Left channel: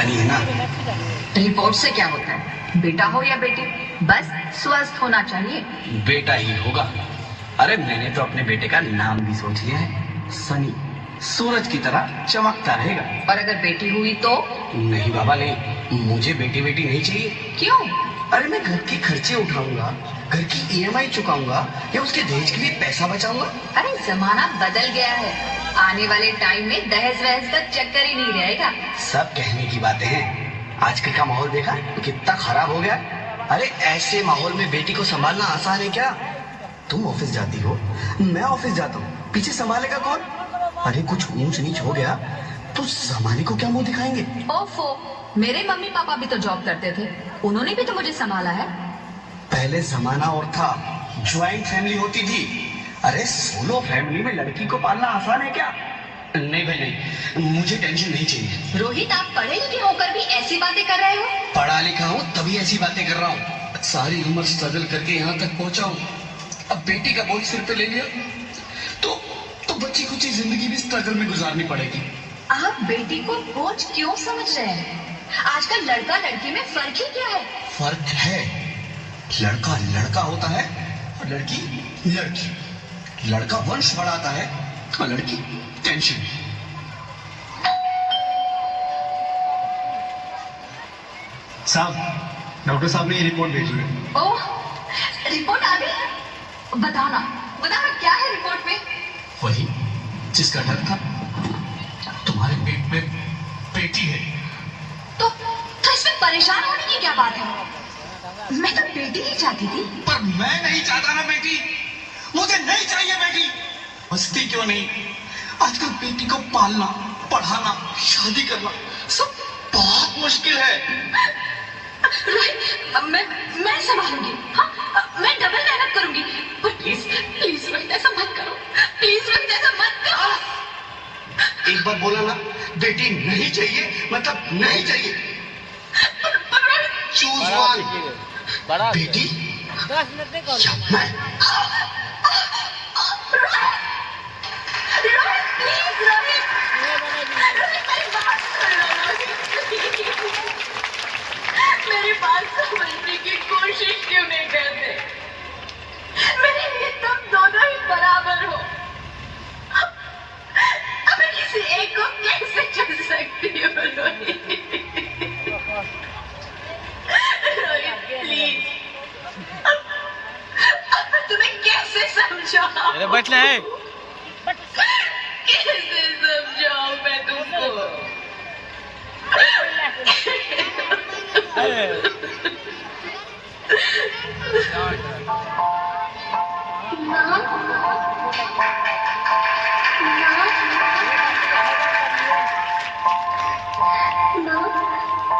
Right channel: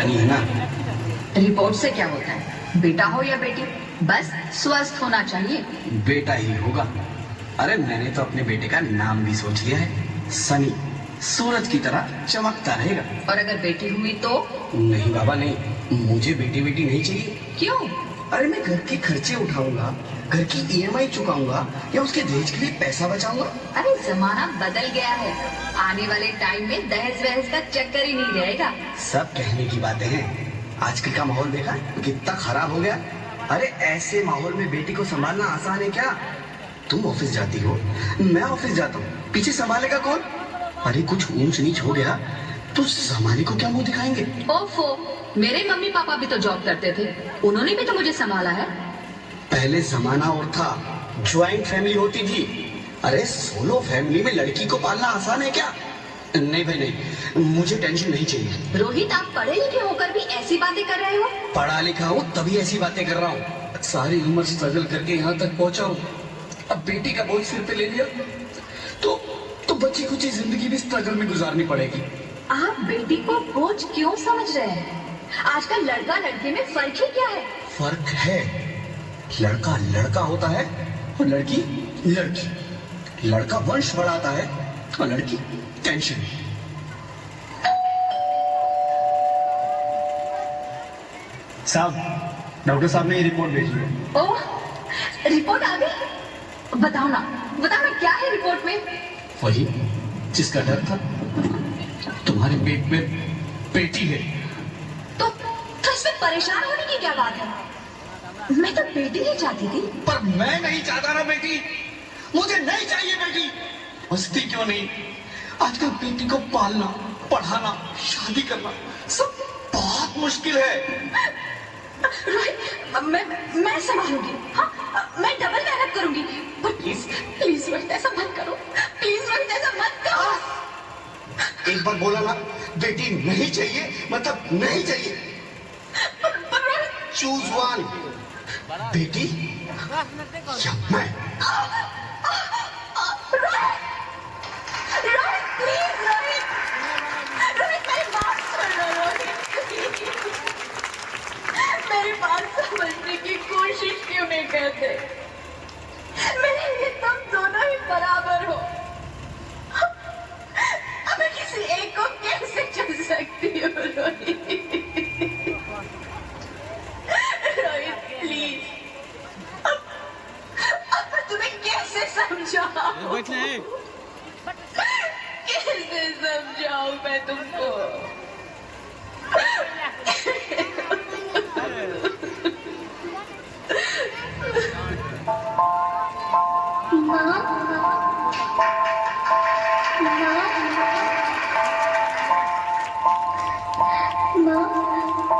बतानी है ना। रिपोर्ट से क्या होता है, बेटा हो या बेटी, बस स्वस्थ होना चाहिए। बेटा ही होगा। अरे मैंने तो अपने बेटे का नाम भी सोच लिया है, सनी। सूरज की तरह चमकता रहेगा। और अगर बेटी हुई तो? नहीं बाबा नहीं, मुझे बेटी बेटी नहीं चाहिए। क्यों? अरे मैं घर के खर्चे उठाऊंगा, घर की ईएमआई चुकाऊंगा, या उसके दहेज के लिए पैसा बचाऊंगा। अरे जमाना बदल गया है, आने वाले टाइम में दहेज वहेज का चक्कर ही नहीं रहेगा। सब कहने की बातें हैं, आजकल का माहौल देखा कितना खराब हो गया। अरे ऐसे माहौल में बेटी को संभालना आसान है क्या? तुम ऑफिस जाती हो, मैं ऑफिस जाता हूँ, पीछे संभालेगा कौन? अरे कुछ ऊंच नीच हो गया तो जमाने को क्या मुंह दिखाएंगे? ओफो, मेरे मम्मी पापा भी तो जॉब करते थे, उन्होंने भी तो मुझे संभाला है। पहले जमाना और था, ज्वाइंट फैमिली होती थी। अरे सोलो फैमिली में लड़की को पालना आसान है क्या? नहीं भाई नहीं, मुझे टेंशन नहीं चाहिए। रोहित, आप पढ़े लिखे होकर भी ऐसी बातें कर रहे हो? पढ़ा लिखा हूँ तभी ऐसी बातें कर रहा हूँ। सारी उम्र स्ट्रगल करके यहाँ तक पहुँचा हूँ, अब बेटी का बोझ सिर पे ले लिया तो बच्ची कुछ जिंदगी भी स्ट्रगल में गुजारनी पड़ेगी। आप बेटी को बोझ क्यों समझ रहे हैं? आजकल लड़का लड़की में फर्क ही क्या है? फर्क है, लड़का लड़का होता है और लड़की लड़की। लड़का वंश बढ़ाता है और लड़की टेंशन। साहब, डॉक्टर साहब ने ये रिपोर्ट भेजी है। ओह, रिपोर्ट आ गई? बताओ ना क्या है रिपोर्ट में? वही जिसका डर था, तुम्हारे पेट में बेटी है। तो इसमें परेशान होने की क्या बात है? मैं तो बेटी ही चाहती थी। पर मैं नहीं चाहता ना बेटी, मुझे नहीं चाहिए बेटी। हंसती क्यों नहीं? आजकल बेटी को पालना, पढ़ाना, शादी करना सब बहुत मुश्किल है। रोहित, मैं संभालूंगी। हाँ, मैं डबल मेहनत करूंगी। पर प्लीज रोहित, ऐसा मत करो। प्लीज रोहित, ऐसा मत करो। एक बार बोला ना, बेटी नहीं चाहिए मतलब नहीं चाहिए। पर रोहित, चूज वन, बेटी या मैं। रोहित प्लीज, रोहित मेरी बात सुन लो रोहित। मेरी बात समझने की कोशिश क्यों नहीं करते? मेरे लिए तुम दोनों ही बराबर हो। अब मैं किसी एक को कैसे चुन सकती हूँ रोहित? रोहित प्लीज, अब मैं तुम्हें कैसे समझाऊं? अरे बैठ ले। कैसे समझाऊं मैं तुमको?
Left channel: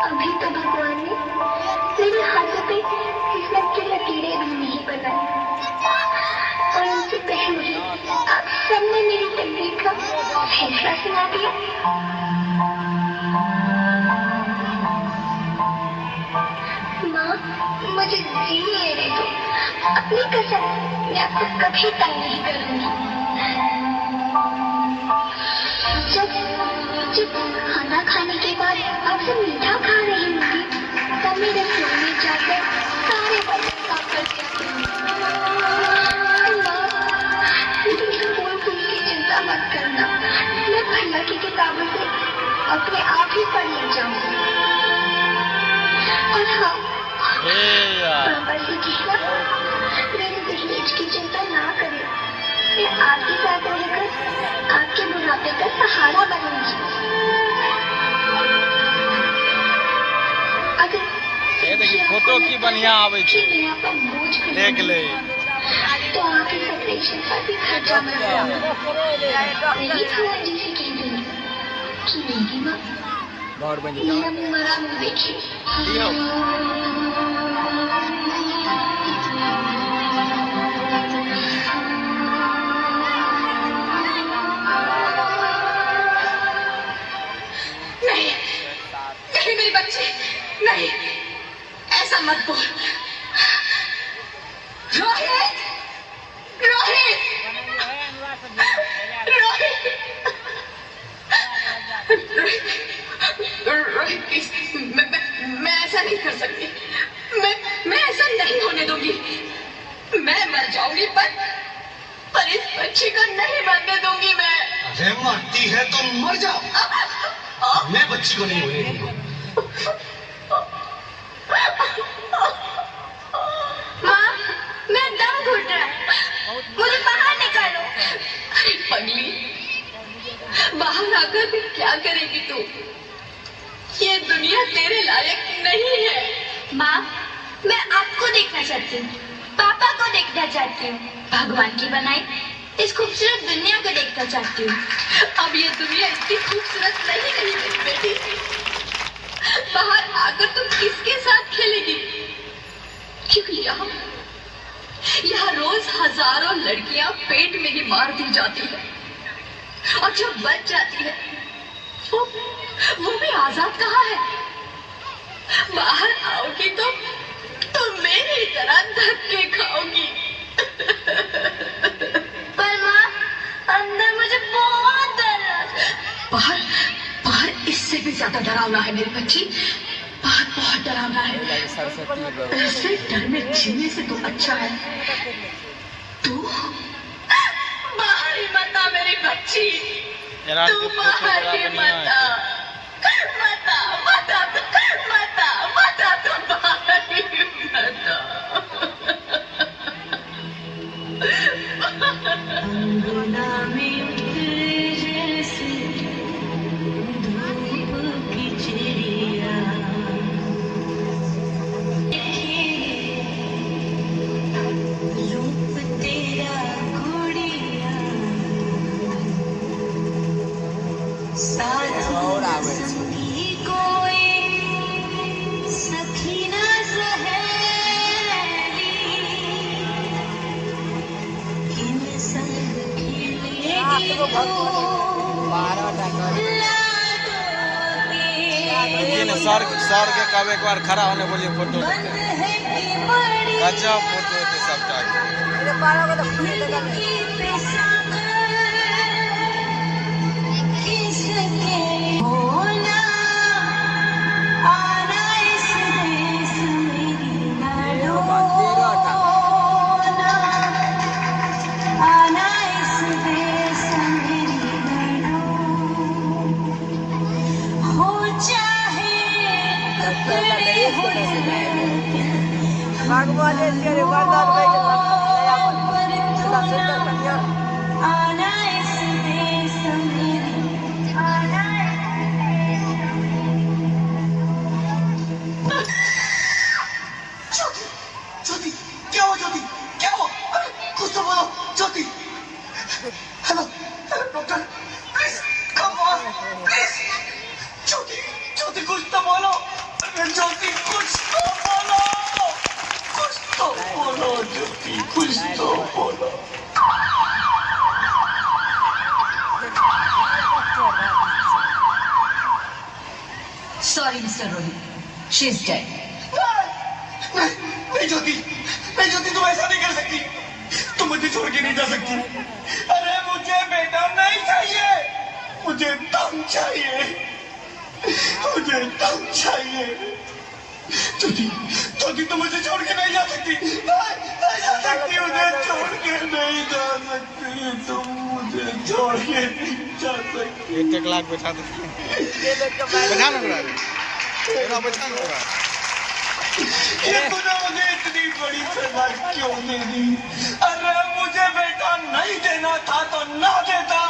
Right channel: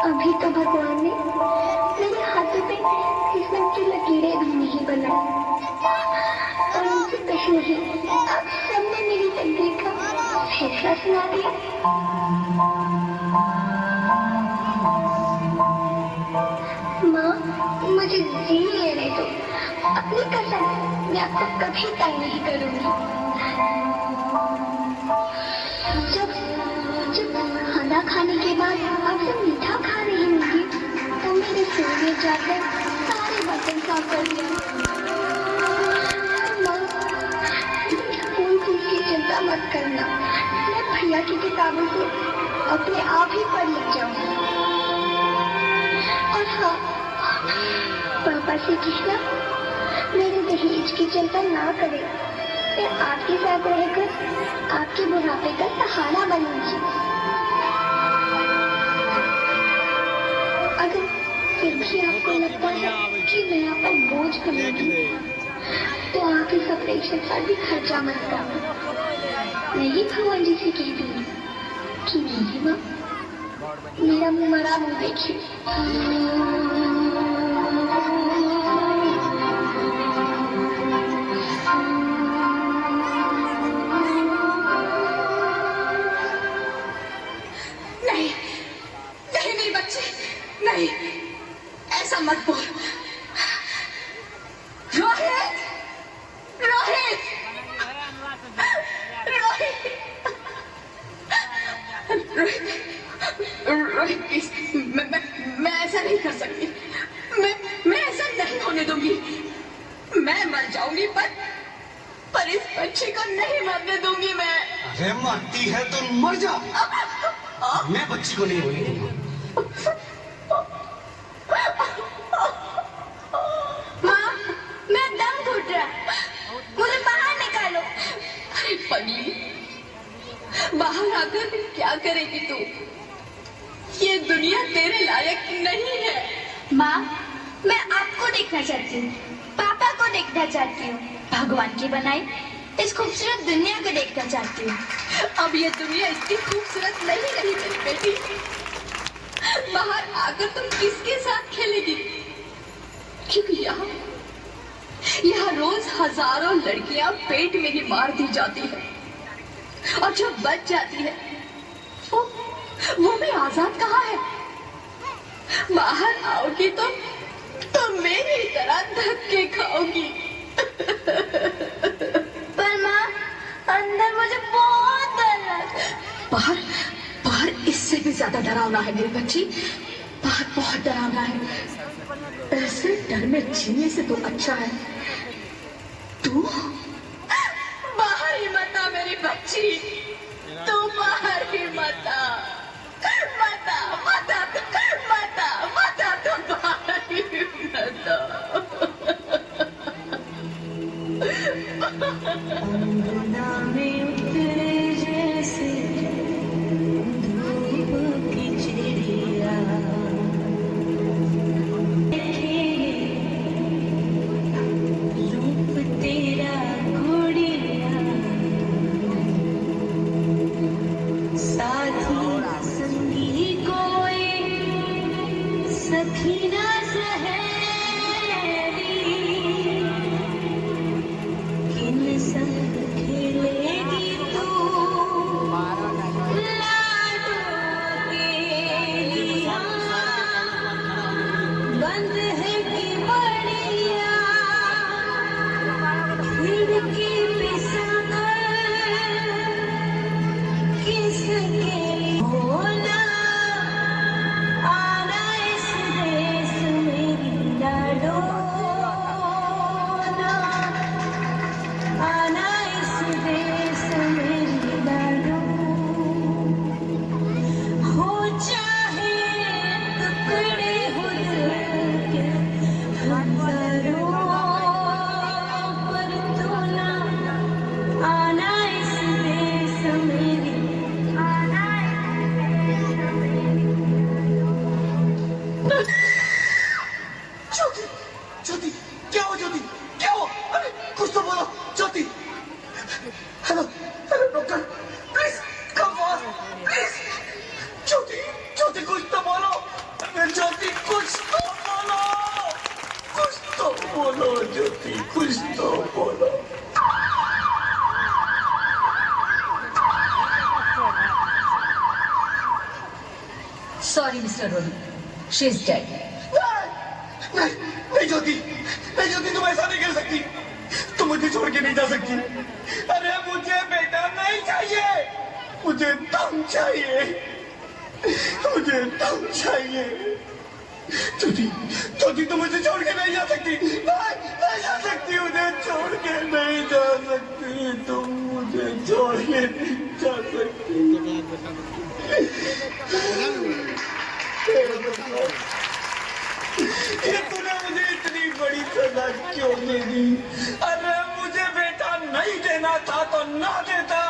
अभी तो भगवान ने मेरे हाथों पे किस्मत की लकीरें भी नहीं बनाई, और उनसे पहले ही आप सबने मेरी तकदीर का फैसला सुना दिया। माँ, मुझे जीने रहने दो। अपनी कसम, मैं आपको कभी तंग नहीं करूंगी। जब खाना खाने के बाद आप सब मीठा खा रही होंगी, तब मेरे फोन में जाकर सारे बर्तन साफ कर दिए। माँ, फूल की चिंता मत करना, मैं भैया की किताबों से अपने आप ही पढ़ लग जाऊंगी। और हाँ, पापा से कहना मेरे दहेज की चिंता ना करे। मैं आपके साथ रहकर आपके बुढ़ापे का सहारा बनूंगी। अगर फोटो की बढ़िया आवे कि मैं आप पर बोझ देख ले, तो आप इस ऑपरेशन पर भी खर्चा मत करना। नहीं भगवान जी से कह दूंगी कि मेरी माँ मेरा मरा मुँह देखिए। नहीं मेरी बच्ची, नहीं, ऐसा मत बोल। रोहित, रोहित, रोहित, रोहित, रोहित, प्लीज, मैं ऐसा नहीं कर सकती। मैं ऐसा नहीं होने दूंगी। मैं मर जाऊंगी पर इस बच्ची को नहीं मरने दूंगी मैं। अरे मरती है तो मर जाओ, मैं बच्ची को नहीं होने दूंगा। माँ, मैं दम घुट रहा है, मुझे बाहर निकालो। अरे पगली, बाहर आकर क्या करेगी तू? ये दुनिया तेरे लायक नहीं है। माँ, मैं आपको देखना चाहती हूँ, पापा को देखना चाहती हूँ, भगवान की बनाई इस खूबसूरत दुनिया को देखना चाहती हूँ। अब ये दुनिया इतनी खूबसूरत नहीं रही मेरी बेटी। बाहर आकर तुम किसके साथ खेलेगी? क्योंकि यहाँ रोज हजारों लड़कियां पेट में ही मार दी जाती है, और जब बच जाती है वो भी आजाद कहाँ है? बाहर आओगी तो मेरी तरह धक्के खाओगी। पर माँ, अंदर मुझे बहुत डर लगता है। बाहर इससे भी ज्यादा डरावना है मेरी बच्ची। बाहर बहुत डरावना है। ऐसे डर में जीने से तो अच्छा है तू बाहर ही मत आ मेरी बच्ची। तू बाहर ही मत आ, तू बाहर ही मत आ। अंगना में उतरे जैसे धूप की चिड़िया, रूप तेरा घोड़िया, साथी संगी कोई सखी ना सहेली, किन संग खेलेगी तू सर के कब एक बार खड़ा होने बोलिए फोटो बंद है कि बड़ी गजब फोटो थे सबका। खिड़की पे सागर किसके होना, आना इस देश मेरी लड़ोना, आना इस देश मेरी लड़ो। हो चाहे टुकड़े हो दिल के, पर तू ना आना इस देश मेरी, आना ज्योति, ज्योति, क्या हो ज्योति, क्या हो? अरे कुछ तो बोलो Jyoti. Hello hello doctor, please come fast please. Jyoti, Jyoti कुछ तो बोलो। अरे ज्योति कुछ तो बोलो, कुछ तो बोलो ज्योति, कुछ तो बोलो। Sorry, Mr. Rohit. She's dead. नहीं नहीं ज्योति, नहीं ज्योति, तुम ऐसा नहीं कर सकती, तुम मुझे छोड़ के नहीं जा सकती। अरे मुझे बेटा नहीं चाहिए, मुझे दम चाहिए, मुझे दम चाहिए। ज्योति, ज्योति तुम मुझे छोड़ के नहीं जा सकती, नहीं जा सकती, मुझे छोड़ के नहीं जा सकती, तुम मुझे छोड़ के नहीं जा सकती। 1 लाख बैठा दो, बैठा लो, बैठा लो। ये तूने मुझे इतनी बड़ी सजा क्यों दे दी? अरे मुझे बेटा नहीं देना था तो ना देता,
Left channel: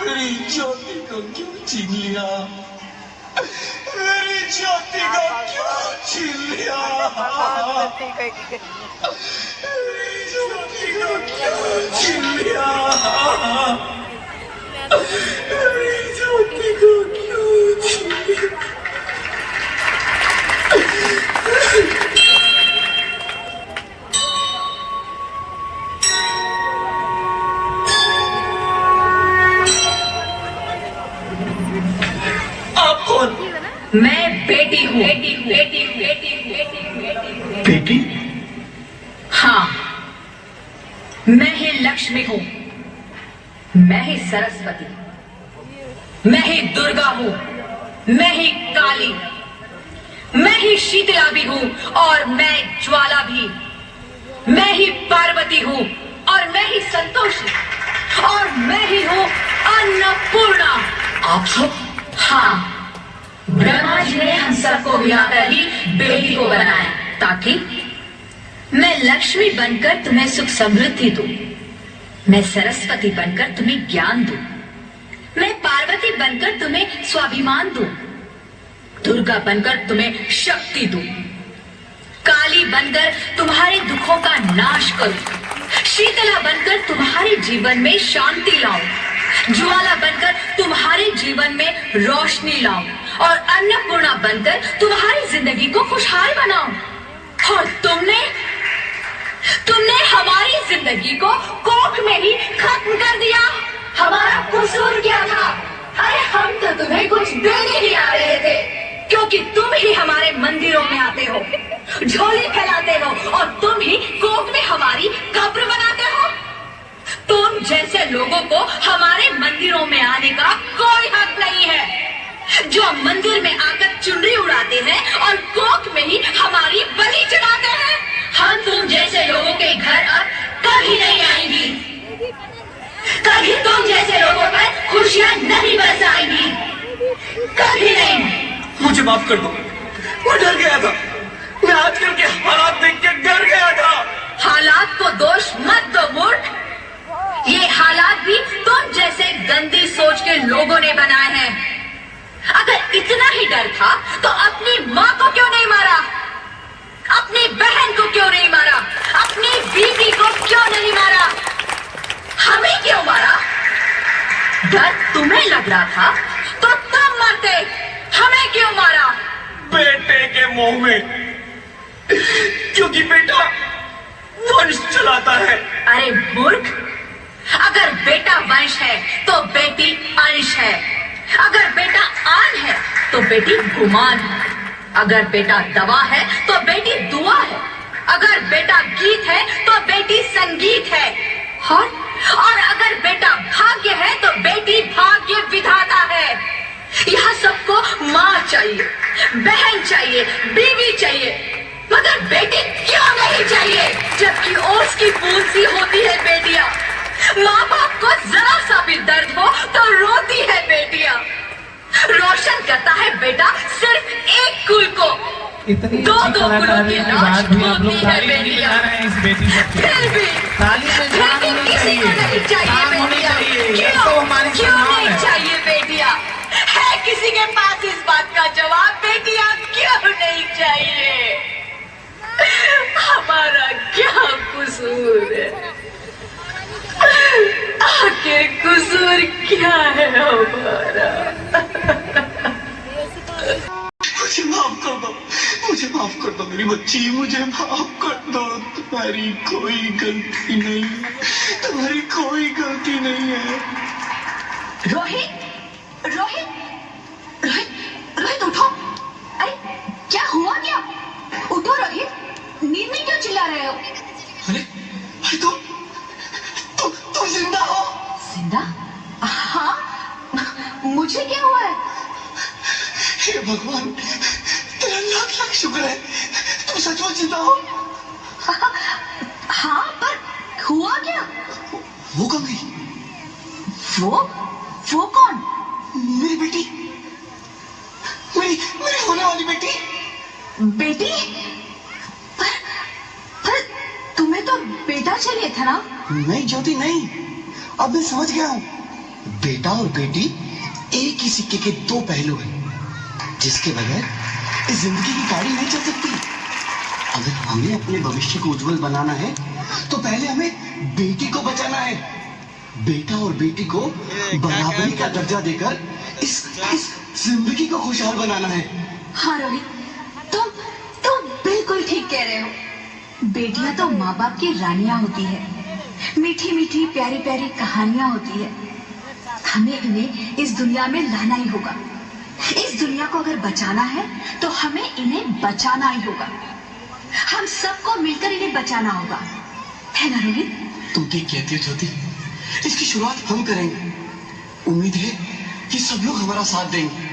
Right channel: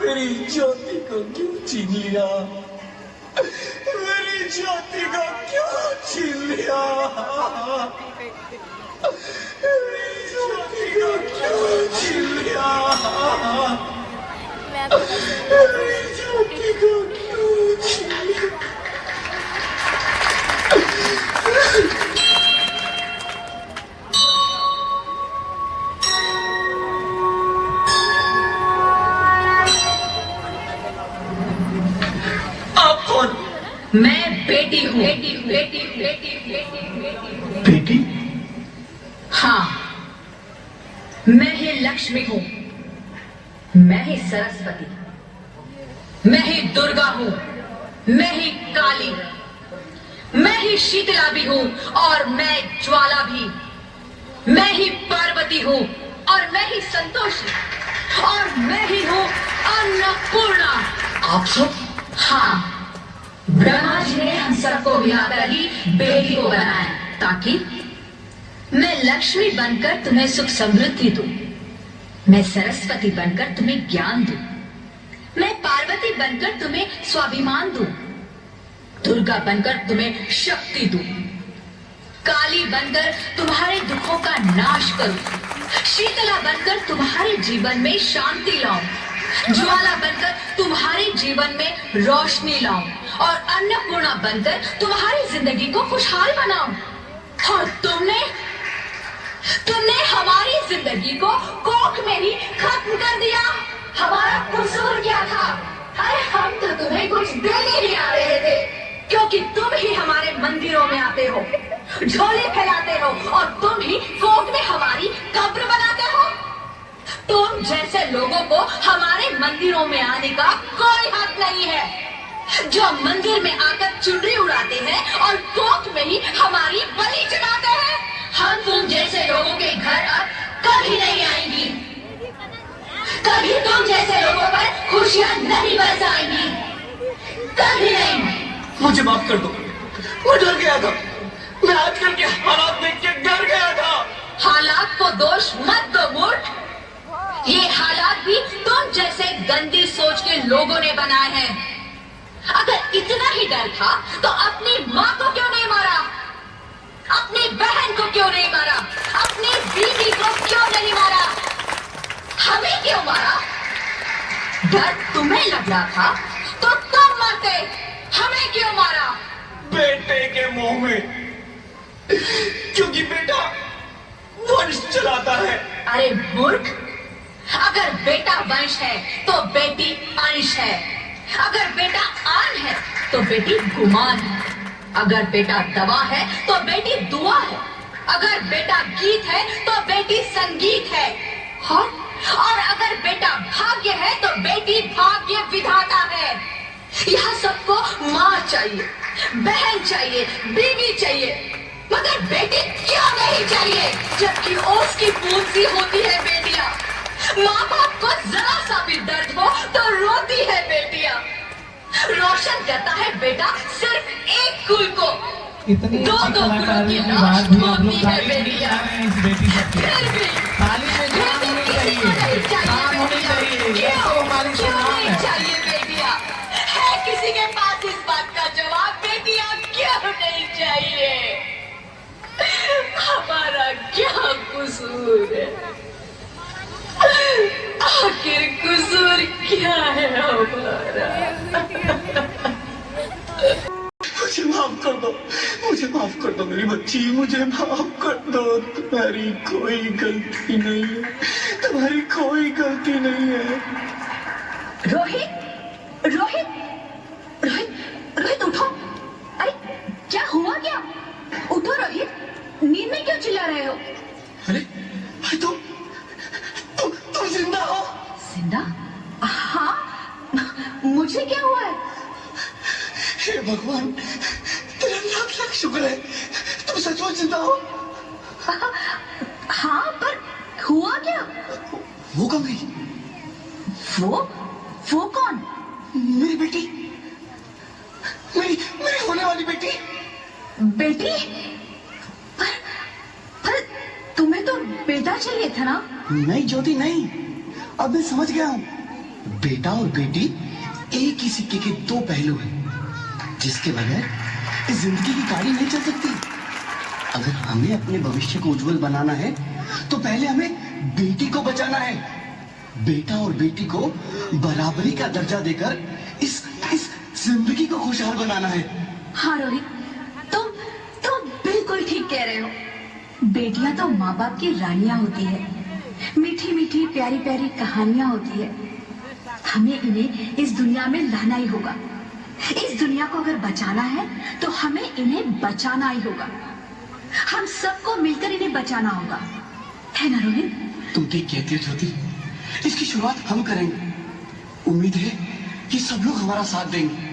मेरी ज्योति को क्यों छीन लिया? मेरी ज्योति को क्यों छीन लिया? मेरी ज्योति को क्यों छीन लिया? मेरी ज्योति को क्यों छीन लिया? आप कौन? मैं बेटी हूँ। बेटी? हाँ, मैं ही लक्ष्मी हूँ, मैं ही सरस्वती, मैं ही दुर्गा हूँ, मैं ही काली, मैं ही शीतला भी हूं और मैं ज्वाला भी। मैं ही पार्वती हूं और मैं ही संतोषी और मैं ही हूं अन्नपूर्णा। आप सब? हाँ, ब्रह्मा जी ने हम सबको मिलाकर ही बेटी को बनाया ताकि मैं लक्ष्मी बनकर तुम्हें सुख समृद्धि दूं, मैं सरस्वती बनकर तुम्हें ज्ञान दूं, मैं पार्वती बनकर तुम्हें स्वाभिमान दूं, दुर्गा बनकर तुम्हें शक्ति दूं, काली बनकर तुम्हारे दुखों का नाश करूं, शीतला बनकर तुम्हारे जीवन में शांति लाऊं, ज्वाला बनकर तुम्हारे जीवन में रोशनी लाऊं और अन्नपूर्णा बनकर तुम्हारी जिंदगी को खुशहाल बनाऊं। और तुमने हमारी जिंदगी को कोख में ही खत्म कर दिया। हमारा कसूर क्या था? अरे हम तो तुम्हें कुछ देने ही आ रहे थे, क्योंकि तुम ही हमारे मंदिरों में आते हो, झोले फैलाते हो और तुम ही कोख में हमारी कब्र बनाते हो। तुम जैसे लोगों को हमारे मंदिरों में आने का कोई हक नहीं है, जो मंदिर में आकर चुनरी उड़ाते हैं और कोख में ही हमारी बलि चढ़ाते हैं। हम तुम जैसे लोगों के घर अब कभी नहीं आएंगी, कभी तुम जैसे लोगों पर खुशियां नहीं बरसाएंगी, कभी नहीं। मुझे माफ कर दो, मैं डर गया था। मैं आजकल के हालात देख के डर गया था। हालात को दोष मत दो मूर्ख, ये हालात भी तुम जैसे गंदी सोच के लोगों ने बनाए हैं। अगर इतना ही डर था तो अपनी माँ को क्यों नहीं मारा, अपनी बहन को क्यों नहीं मारा, अपनी बीवी को क्यों नहीं मारा, हमें क्यों मारा? डर तुम्हें लग रहा था तो तुम मरते, हमें क्यों मारा? बेटे के मोह में, क्योंकि बेटा वंश चलाता है। अरे मूर्ख, अगर बेटा वंश है तो बेटी अंश है, अगर बेटा आन है तो बेटी गुमान है, अगर बेटा दवा है तो बेटी दुआ है, अगर बेटा गीत है तो बेटी संगीत है, और अगर बेटा भाग्य है तो बेटी भाग्य विधाता है। यहाँ सबको माँ चाहिए, बहन चाहिए, बीवी चाहिए, मगर बेटी क्यों नहीं चाहिए? जबकि ओस की बूंद सी होती है बेटियां, माँ बाप को जरा सा भी दर्द हो तो रोती है बेटियां। रोशन करता है बेटा सिर्फ एक कुल को, इतनी दो अच्छी कुलों कलाकारी की के लाश बाद भी आप लोग होती है ताली नहीं बेटियां। बजा रहे हैं इस बेटी सबकी। फिर भी ताली में जान होनी किसी को नहीं चाहिए, चाहिए जान होनी बेटियां। चाहिए, ये क्यों? तो हमारी क्यों सम्मान नहीं है। चाहिए बेटियां? है किसी के पास इस बात का जवाब? बेटियां क्यों नहीं चाहिए? हमारा क्या कसूर है? आखिर कसूर क्या है हमारा? मुझे माफ कर दो, मुझे माफ कर दो मेरी बच्ची, मुझे माफ कर दो। तुम्हारी कोई गलती नहीं है, तुम्हारी कोई गलती नहीं है। रोहित, रोहित, रोहित, रोहित उठो। अरे क्या हुआ क्या? उठो रोहित, नींद में क्यों चिल्ला रहे हो? अरे तुम जिंदा हो? जिंदा? हाँ, मुझे क्या हुआ है? हे भगवान, तेरा लाख लाख शुक्र है, तुम सचमुच जिंदा हो। हाँ, पर हुआ क्या? वो कब गई? वो कौन? मेरी बेटी, मेरी होने वाली बेटी। बेटी? पर तुम्हें तो बेटा चाहिए था ना? नहीं ज्योति नहीं, अब मैं समझ गया हूँ। बेटा और बेटी एक ही सिक्के के दो पहलू हैं, जिसके बगैर इस जिंदगी की गाड़ी नहीं चल सकती। अगर हमें अपने भविष्य को उज्जवल बनाना है तो पहले हमें बेटी को बचाना है। बेटा और बेटी को बराबरी का दर्जा देकर इस जिंदगी को खुशहाल बनाना है। हाँ रोहित, तुम बिल्कुल ठीक कह रहे हो। बेटियां तो माँ बाप की रानियां होती है, मीठी मीठी प्यारी प्यारी कहानियां होती है। हमें इन्हें इस दुनिया में लाना ही होगा। इस दुनिया को अगर बचाना है तो हमें इन्हें बचाना ही होगा। हम सबको मिलकर इन्हें बचाना होगा, है ना रोहित? तुम ठीक कहती हो ज्योति, इसकी शुरुआत हम करेंगे। उम्मीद है कि सब लोग हमारा साथ देंगे।